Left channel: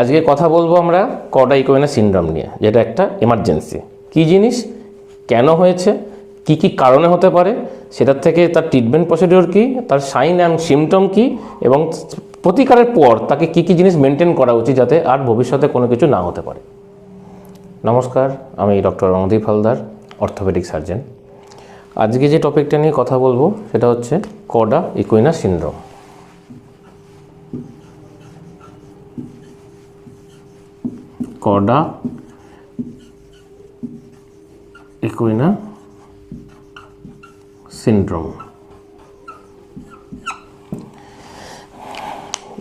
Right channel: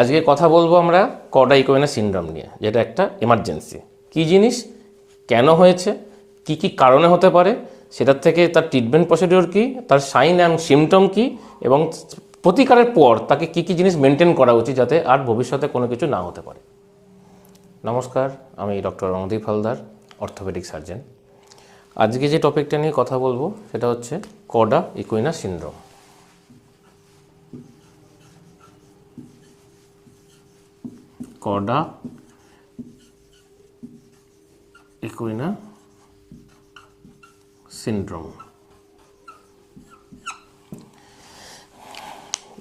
আজকে কথা বলব আমরা কডাইকোয়েনা সিনড্রোম নিয়ে, যেটা একটা এমার্জেন্সি কি জিনিস? কেন হয়েছে? কি কি কারণে হতে পারে? সেটার থেকে তার ট্রিটমেন্ট প্রসিডিওর কি? তার সাইন অ্যান্ড সিমটম কি? এবং প্রতিকারের পর তাকে কি কি জিনিস মেনটেন করা উচিত যাতে আর ভবিষ্যতে কোনো কিছু না হতে পারে? নমস্কার, আমি doctor Randeep Haldar orthopaedic surgeon আজকে যে টপিকটা নিয়ে কথা বলব, সেটা হচ্ছে cauda equina syndrome. Cauda equina syndrome.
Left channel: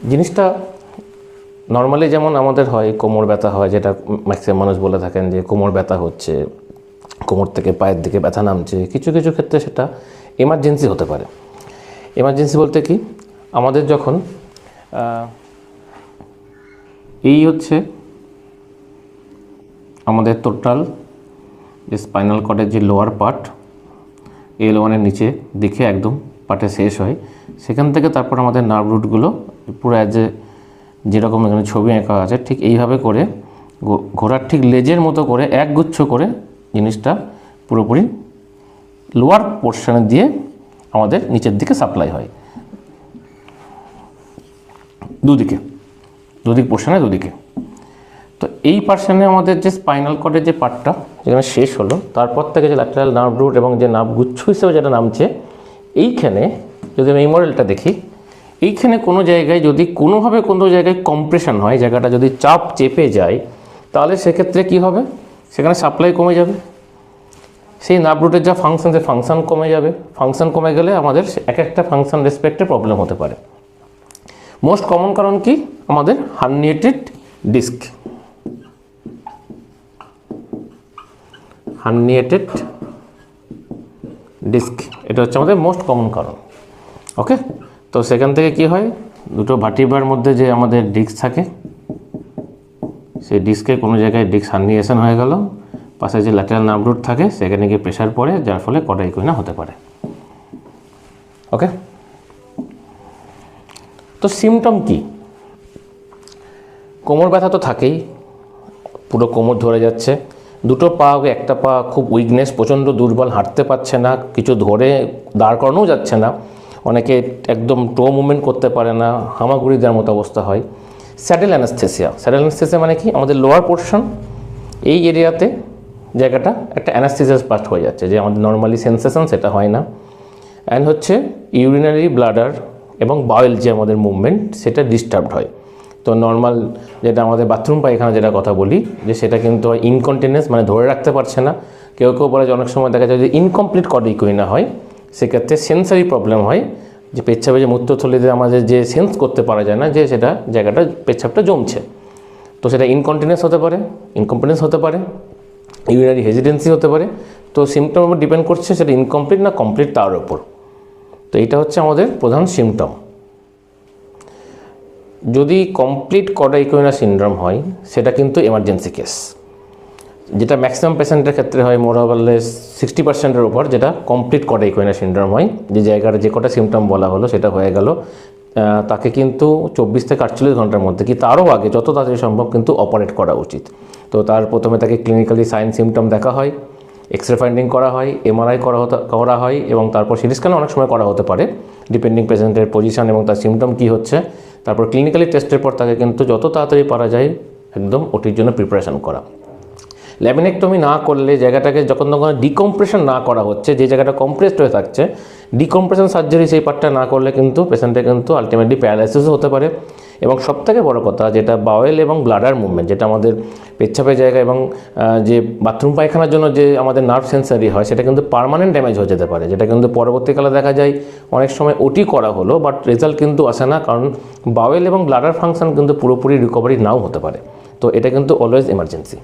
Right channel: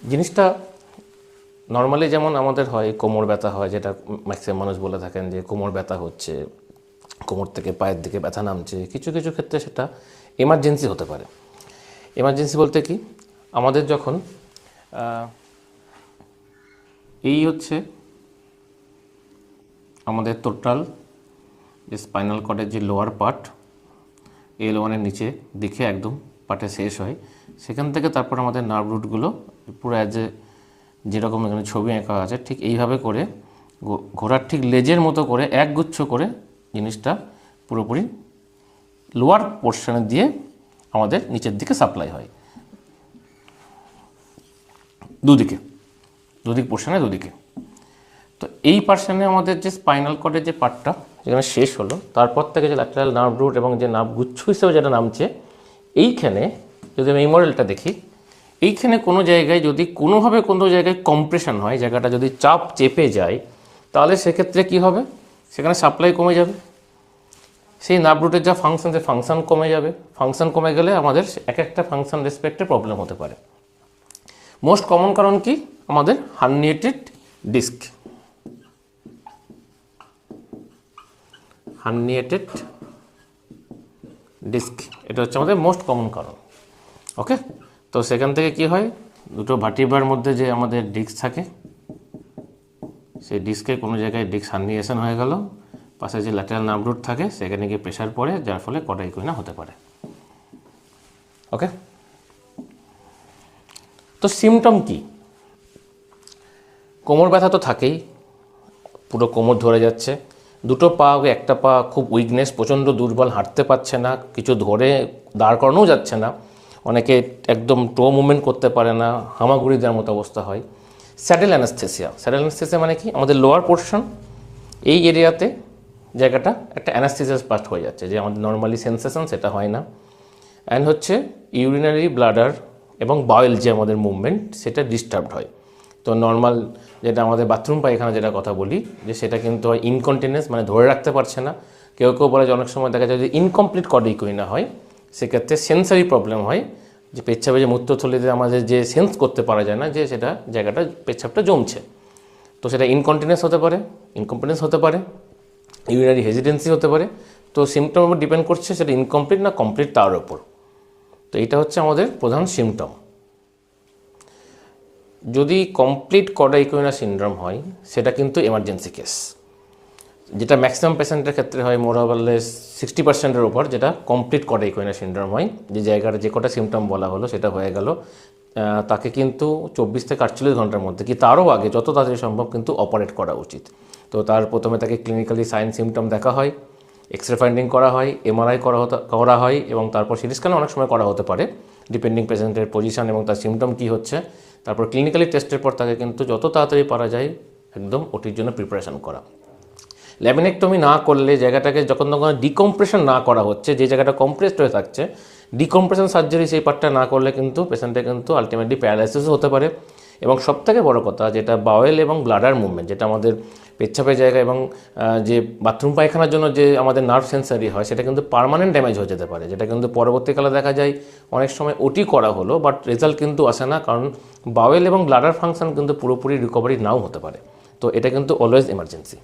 জিনিসটা নর্মালি যেমন আমাদের হয়, কোমর ব্যথা হয়, যেটা ম্যাক্সিমাম মানুষ বলে থাকেন যে কোমর ব্যথা হচ্ছে, কোমর থেকে পায়ের দিকে ব্যথা নামছে, কিছু কিছু ক্ষেত্রে সেটা এমার্জেন্সি হতে পারে। এমার্জেন্সি বলতে কি? আমাদের যখন এই হচ্ছে আমাদের টোটাল যে স্পাইনাল কর্ডের যে লোয়ার পার্ট এল ওয়ানের নিচে দিকে একদম পার্টে শেষ হয়। সেখান থেকে তারপর আমাদের নার্ভ রুটগুলো পুরো এ যেরকম এখানে ছবি আঁকা আছে, ঠিক এইভাবে করে ঘোড়ার ঠিক লেজের মতো করে একগুচ্ছ করে জিনিসটা পুরোপুরি লোয়ার পোর্শনে দিয়ে আমাদের নিচের দিকে সাপ্লাই হয়। দুদিকে। দুদিক পোর্শনে দুদিকে। এই পার্সনে আমাদের যে স্পাইনাল কর্ডের যে পার্টটা যেখানে শেষ হলো, তারপর থেকে যে ল্যাটারাল নার্ভ রুট এবং যে নার্ভ গুচ্ছ হিসেবে যেটা নামছে, এইখানে যদি আমি এই মডেলটা দেখি, এইখানে কোনো জায়গায় যদি কোনোভাবে কোনো জায়গায় কম্প্রেশন হয়, জায়গাটা যদি চাপ চেপে যায়, তাহলে সেক্ষেত্রে কি হবে? সেখানে সাপ্লাই কমে যাবে। সেই নার্ভ রুটের যা ফাংশন সে ফাংশন কমে যাবে। ফাংশন কমে গেলে আমাদের এক একটা ফাংশন রেসপেক্টে প্রবলেম হতে পারে। মোস্ট কমন কারণ কি? আমাদের হার্নিয়েটেড ডিস্ক হার্নিয়েটেড ডিস্ক এটা হচ্ছে আমাদের মোস্ট কমন কারণ। ওকে তো সেখান থেকে কি হয়? দুটো ভাটিবার মধ্যে যে আমাদের ডিস্ক থাকে, সেই ডিস্কে কোনো জায়গায় ডিস্ক হার্নিয়েশন হয়ে গেল। পাশে যে ল্যাটারাল নার্ভ রুট থাকে, সেখানে গিয়ে প্রেশার পড়ে, যার ফলে কডাইকুইনা হতে পারে। ওকে তো সিমটম কি? কোমর ব্যথা তো থাকেই। পুরো কোমর ধরে যাচ্ছে। দুটো পা একটা পা খুব উইকনেস প্রচণ্ড দুর্বল, হাঁটতে পারছে না, কিছু ধরে দাঁড় করানোও যাচ্ছে না। অনেকে একদম টো মুভমেন্ট করতে পারে না হামাগুড়ি দেওয়ার মতো অবস্থা হয়। স্যাডেল অ্যানাস্থেসিয়া স্যাডেল অ্যানাস্থেসিয়া মানে কি? আমাদের লোয়ার পোর্শন এই এরিয়াতে জায়গাটা একটা অ্যানাস্থেসিয়াস পাস্ট হয়ে যাচ্ছে, যে আমাদের নর্মালি সেন্সেশন সেটা হয় না। অ্যান্ড হচ্ছে ইউরিনারি ব্লাডার এবং বাউল যে আমাদের মুভমেন্ট সেটা ডিস্টার্বড হয়। তো নর্মাল যেটা আমাদের বাথরুম পায়খানা যেটা কথা বলি, যে সেটা কিন্তু হয় ইনকন্টিনেন্স মানে ধরে রাখতে পারছে না। কেউ কেউ বলে যে অনেক সময় দেখা যায় যে ইনকমপ্লিট কডিকুইনা হয়। সেক্ষেত্রে সেন্সারি প্রবলেম হয়, যে পেচ্ছাপে যে মূত্রথলিতে আমাদের যে সেন্স করতে পারা যায় না, যে সেটা জায়গাটা, পেচ্ছাপটা জমছে। তো সেটা ইনকন্টিনেন্স হতে পারে ইনকম্পিটেন্স হতে পারে ইউরিনারি হেজিডেন্সি হতে পারে। তো সিমটম ডিপেন্ড করছে সেটা ইনকমপ্লিট না কমপ্লিট তার উপর। তো এটা হচ্ছে আমাদের প্রধান সিমটম যদি কমপ্লিট কডাইকোনা সিনড্রোম হয়, সেটা কিন্তু এমার্জেন্সি কেস যেটা ম্যাক্সিমাম পেশেন্টের ক্ষেত্রে হয় মোরাবলে সিক্সটি পার্সেন্টের উপর যেটা কমপ্লিট কডাইকোনা সিনড্রোম হয়। যে জায়গাটা যে কটা সিমটম বলা হলো, সেটা হয়ে গেল। তাকে কিন্তু চব্বিশ থেকে আটচল্লিশ ঘণ্টার মধ্যে কি তারও আগে যত তাড়াতাড়ি সম্ভব কিন্তু অপারেট করা উচিত। তো তার প্রথমে তাকে ক্লিনিক্যালি সাইন সিমটম দেখা হয় এক্স রে ফাইন্ডিং করা হয় এমআরআই করা হতে, করা হয় এবং তারপর সিটি স্ক্যান অনেক সময় করা হতে পারে ডিপেন্ডিং পেশেন্টের পজিশন এবং তার সিমটম কী হচ্ছে। তারপর ক্লিনিক্যালি টেস্টের পর তাকে কিন্তু যত তাড়াতাড়ি পারা যায়, একদম ওটির জন্য প্রিপারেশন করা। ল্যামিনেক্টমি না করলে জায়গাটাকে যখন তখন ডিকম্প্রেশন না করা হচ্ছে, যে জায়গাটা কম্প্রেসড হয়ে থাকছে ডিকম্প্রেশন সার্জারি সেই পার্টটা না করলে কিন্তু পেশেন্টের কিন্তু আলটিমেটলি প্যারালাইসিসও হতে পারে। এবং সবথেকে বড় কথা যেটা বাওয়েল এবং ব্লাডার মুভমেন্ট যেটা আমাদের পেচ্ছাপের জায়গা এবং যে বাথরুম পায়খানার জন্য যে আমাদের নার্ভ সেন্সারি হয়, সেটা কিন্তু পার্মানেন্ট ড্যামেজ হয়ে যেতে পারে। যেটা কিন্তু পরবর্তীকালে দেখা যায় অনেক সময় ওটি করা হলো বাট রেজাল্ট কিন্তু আসে না, কারণ বাওয়েল এবং ব্লাডার ফাংশন কিন্তু পুরোপুরি রিকভারি নাও হতে পারে। তো এটা কিন্তু অলওয়েজ এমার্জেন্সি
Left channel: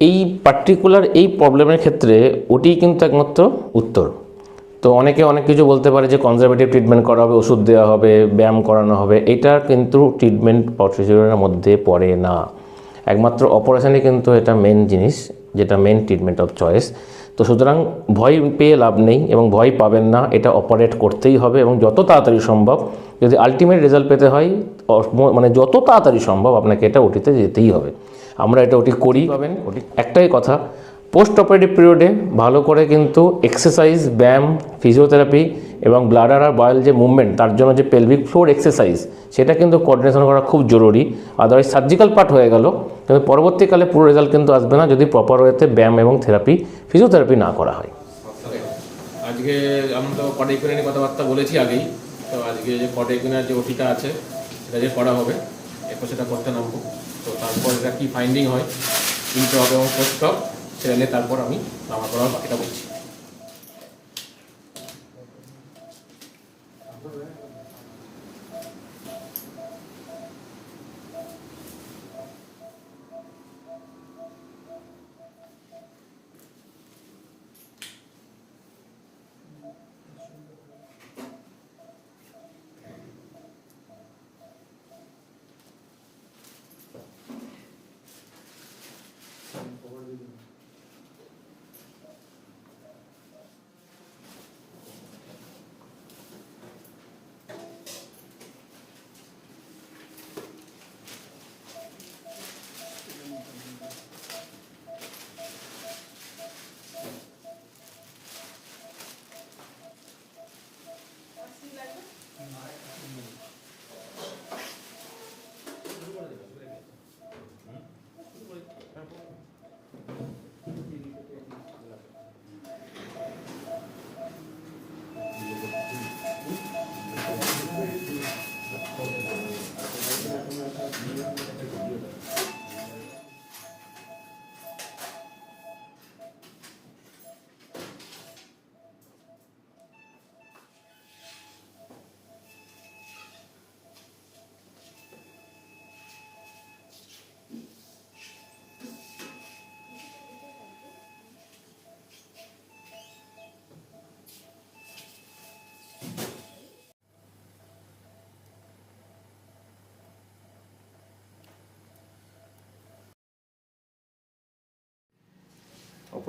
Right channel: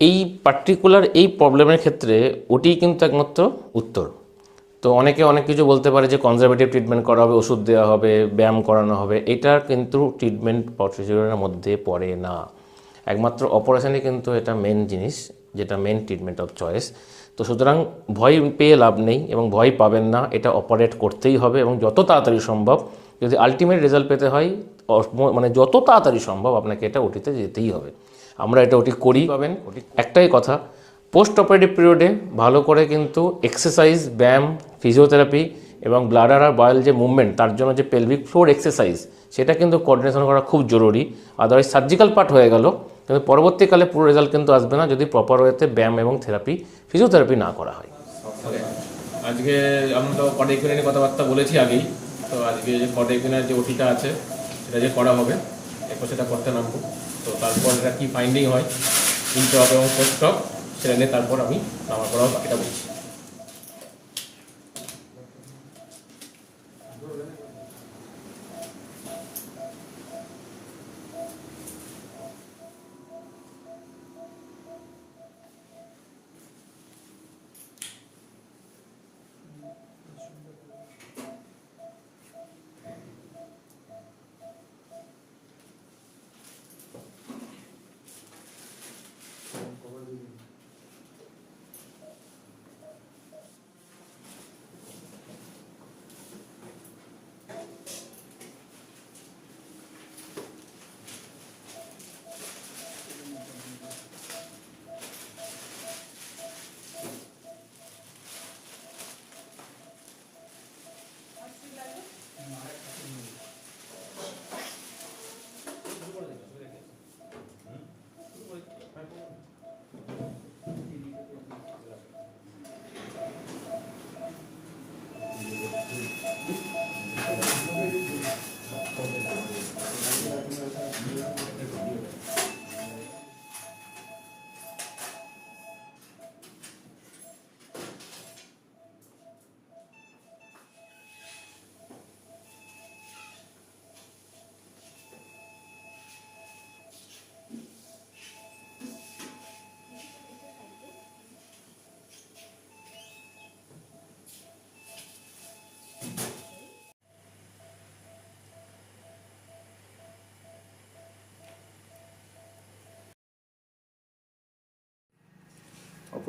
এই পার্টিকুলার এই প্রবলেমের ক্ষেত্রে ওটি কিন্তু একমাত্র উত্তর। তো অনেকে অনেক কিছু বলতে পারে যে কনজারভেটিভ ট্রিটমেন্ট করা হবে, ওষুধ দেওয়া হবে, ব্যায়াম করানো হবে, এটা কিন্তু ট্রিটমেন্ট প্রসিডিউরের মধ্যে পড়ে না। একমাত্র অপারেশনে কিন্তু এটা মেন জিনিস, যেটা মেন ট্রিটমেন্ট অফ চয়েস তো সুতরাং ভয় পেয়ে লাভ নেই এবং ভয় পাবেন না, এটা অপারেট করতেই হবে এবং যত তাড়াতাড়ি সম্ভব, যদি আলটিমেট রেজাল্ট পেতে হয় মানে যত তাড়াতাড়ি সম্ভব আপনাকে এটা ওটিতে যেতেই হবে। আমরা এটা ওটি করি। পাবেন। ওটি একটাই কথা পোস্ট অপারেটিভ পিরিয়ডে ভালো করে কিন্তু এক্সারসাইজ ব্যায়াম ফিজিওথেরাপি এবং ব্লাডার আর বয়েল যে মুভমেন্ট তার জন্য যে পেলভিক ফ্লোর এক্সারসাইজ সেটা কিন্তু কোঅর্ডিনেশন করা খুব জরুরি। আদারওয়াইজ সার্জিক্যাল পার্ট হয়ে গেল কিন্তু পরবর্তীকালে পুরো রেজাল্ট কিন্তু আসবে না যদি প্রপার ওয়েতে ব্যায়াম এবং থেরাপি ফিজিওথেরাপি না করা হয়। আজকে আমরা তো কটা ইকুইনা নিয়ে কথাবার্তা বলেছি আগেই তো আজকে যে কটা ইকুইনার যে ওটিটা আছে সেটা যে করা হবে এরপর সেটা করতে নামবো। তো তারপর এটা কি ফাইন্ডিং হয়? ইন্ট্রপ এবং পোস্টক সেটা নিয়ে তারপর আমি আমার পর বাকিটা বলছি।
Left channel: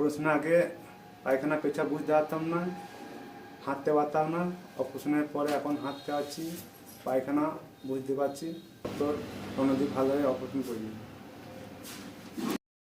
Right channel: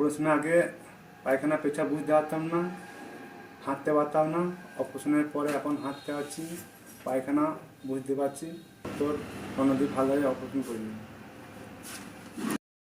অপারেশনের আগে পায়খানা পেছা বুঝতে পারতাম না হাঁটতে পারতাম না অপারেশনের পরে এখন হাঁটতে পারছি পায়খানা বুঝতে পারছি তোর অন্যদিন ভালোভাবে অপারেশন করি